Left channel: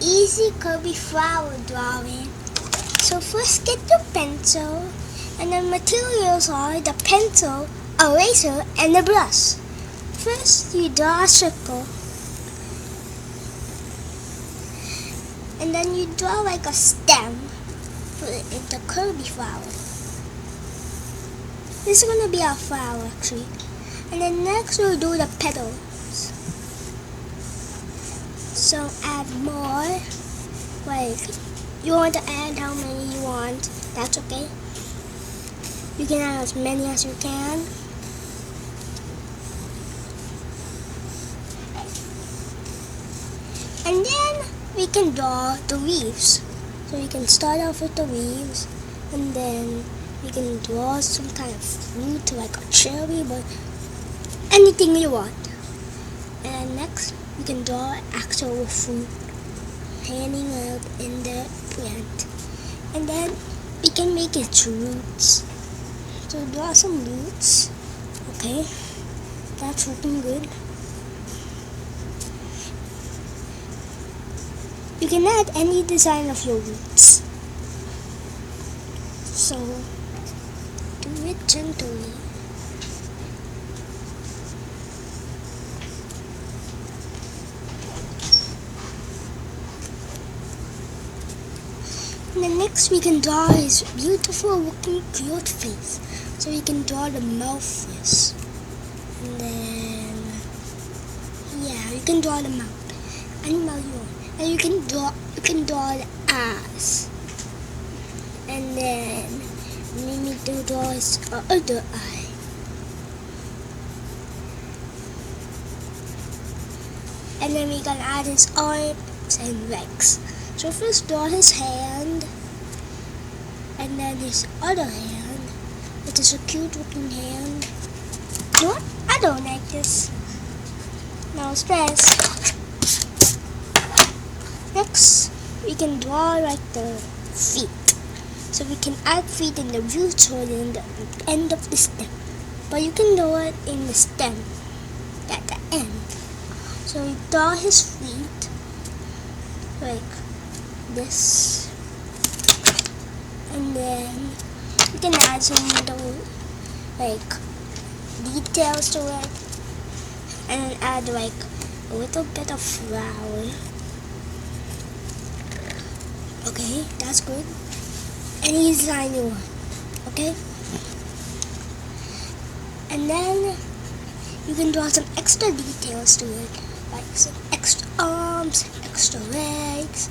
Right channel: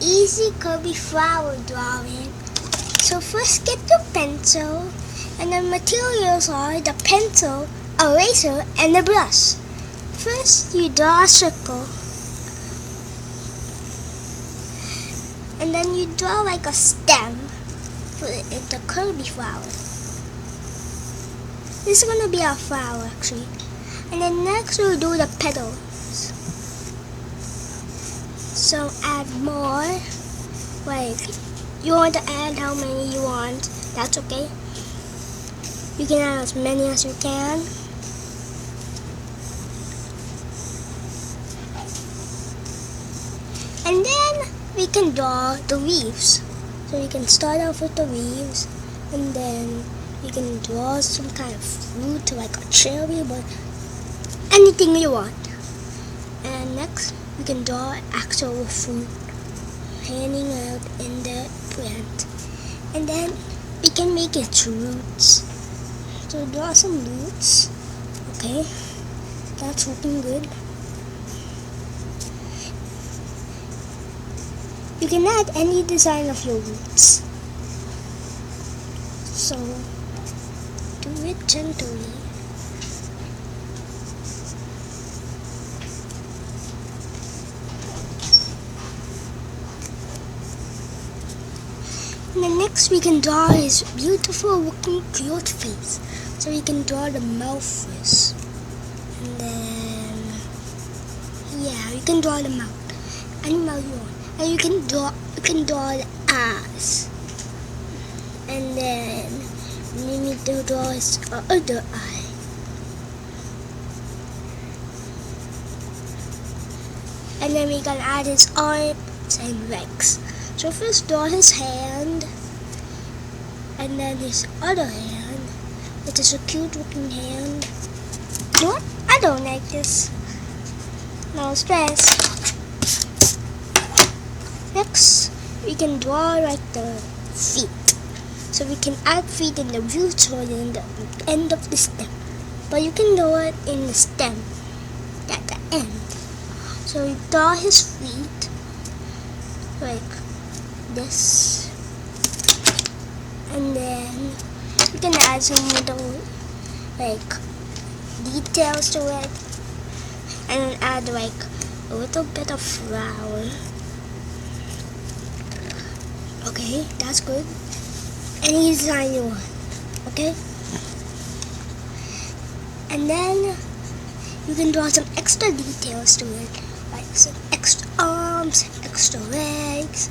easy Kirby flower drawing. So first get the pencil, and the materials are the pencil, eraser, and the brush. First you draw a circle, and then you draw like a stem, put it into Kirby flower. This is gonna be our flower actually. And then next we'll do the petals. So add more, like you want to add how many you want, that's okay. You can add as many as you can. And then we can draw the leaves. So we can start off with the leaves, and then you can draw some kind of fruit like a cherry, but anything you want. And next you can draw actual fruit hanging out in the plant. And then we can make its roots. So draw some roots. Okay, that's looking good. You can add any design of your roots. So do it gently. And then next we can draw his beautiful looking cute face. So we can draw the mouth first. And then yeah, you can draw the mouth. Any mouth you want. And you can draw the eyes. And then you need to draw his other eye. And then we can add his arms and legs. So first draw his hand, and then his other hand. It is a cute looking hand. No, I don't like this. No stress. Next, we can draw like the feet. So we can add feet in the roots or in the end of the stem. But you can draw it in the stem at the end. So we draw his feet like this. And then you can add some little like details to it. And then add like a little bit of flower. Okay, that's good. Any design you want, okay? And then you can draw some extra details to it, like some extra arms, extra legs.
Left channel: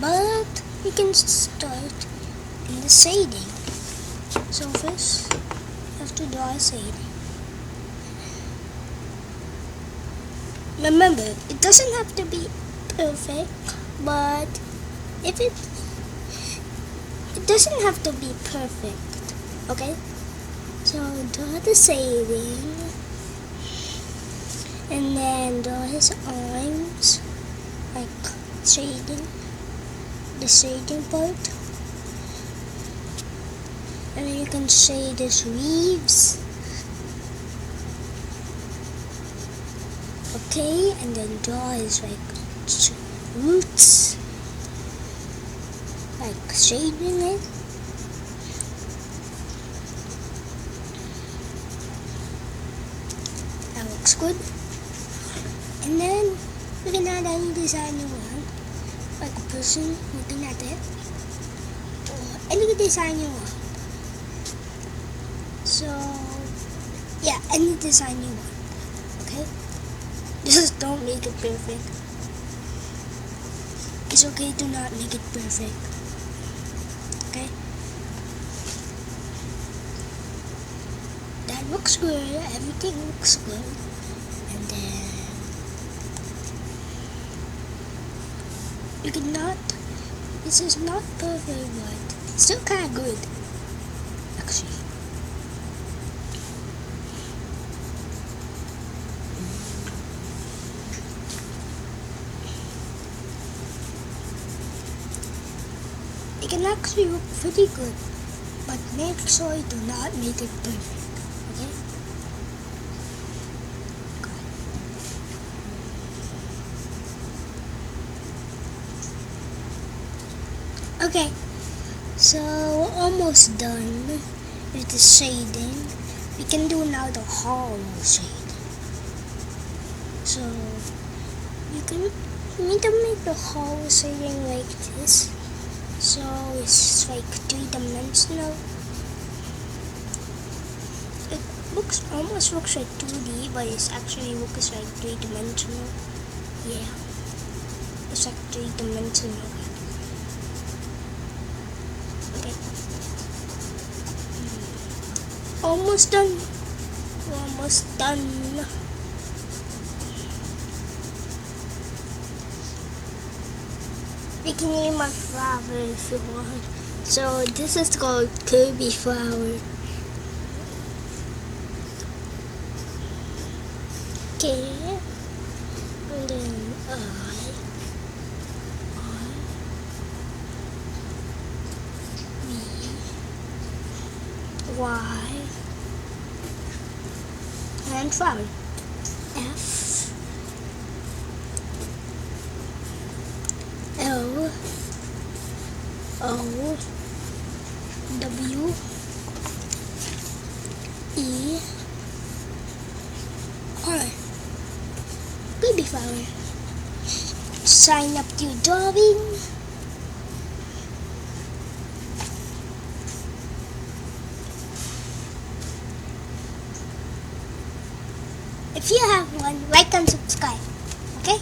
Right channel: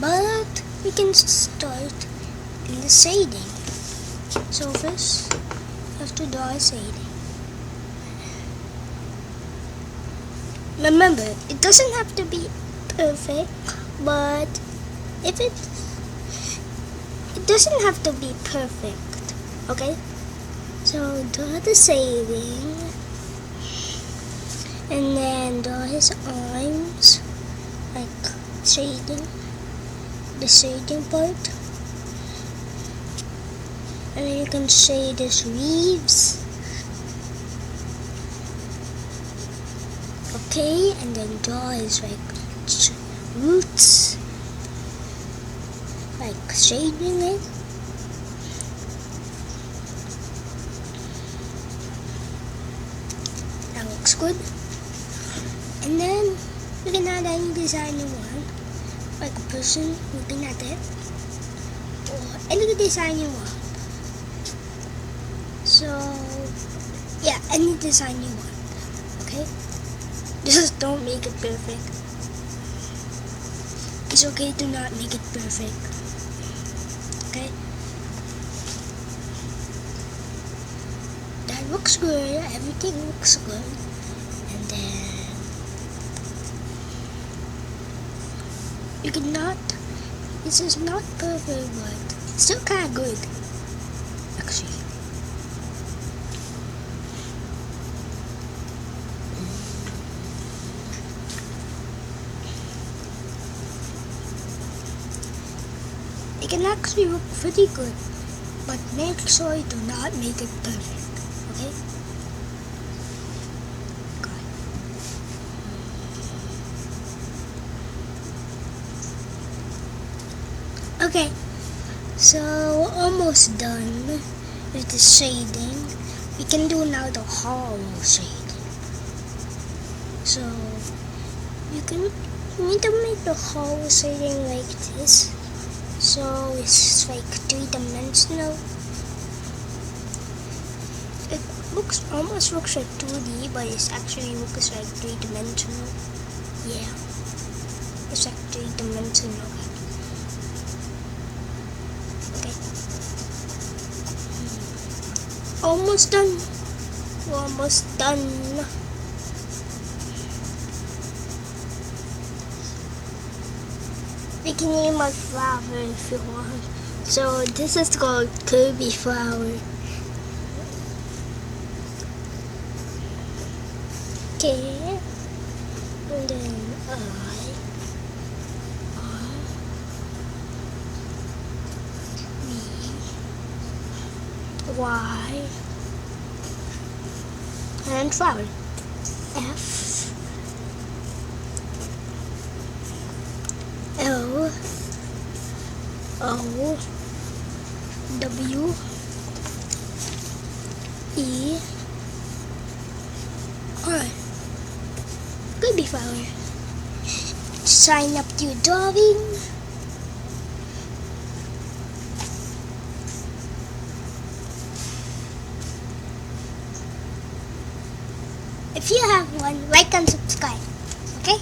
But you can start in the shading. So first, you have to draw a shading. Remember, it doesn't have to be perfect, but if it doesn't have to be perfect, okay? So draw the shading, and then draw his arms, like shading, the shading part, and then you can shade his leaves, okay? And then draw his like roots. Like shading it. That looks good. And then you can add any design you want. Like a person, you can add it. Or any design you want. So yeah, any design you want. Okay? Just don't make it perfect. It's okay to not make it perfect. Okay, that looks good, everything looks good. And then you cannot, this is not perfect, but still kind of good actually. It can actually look pretty good, but make sure you do not make it perfect, okay? Okay, so we're almost done with the shading. We can do now the hollow shade. So you need to make the hollow shading like this. So it's like 3-dimensional. It almost looks like 2D, but it actually looks like 3-dimensional. Yeah, it's like 3-dimensional. Okay, almost done. We're almost done. You can name my flower if you want. So this is called Kirby flower. Okay, and then Y, and flower. F, L, O, W, E, R. Kirby flower. Sign up your drawing. If you have one, like and subscribe. Okay?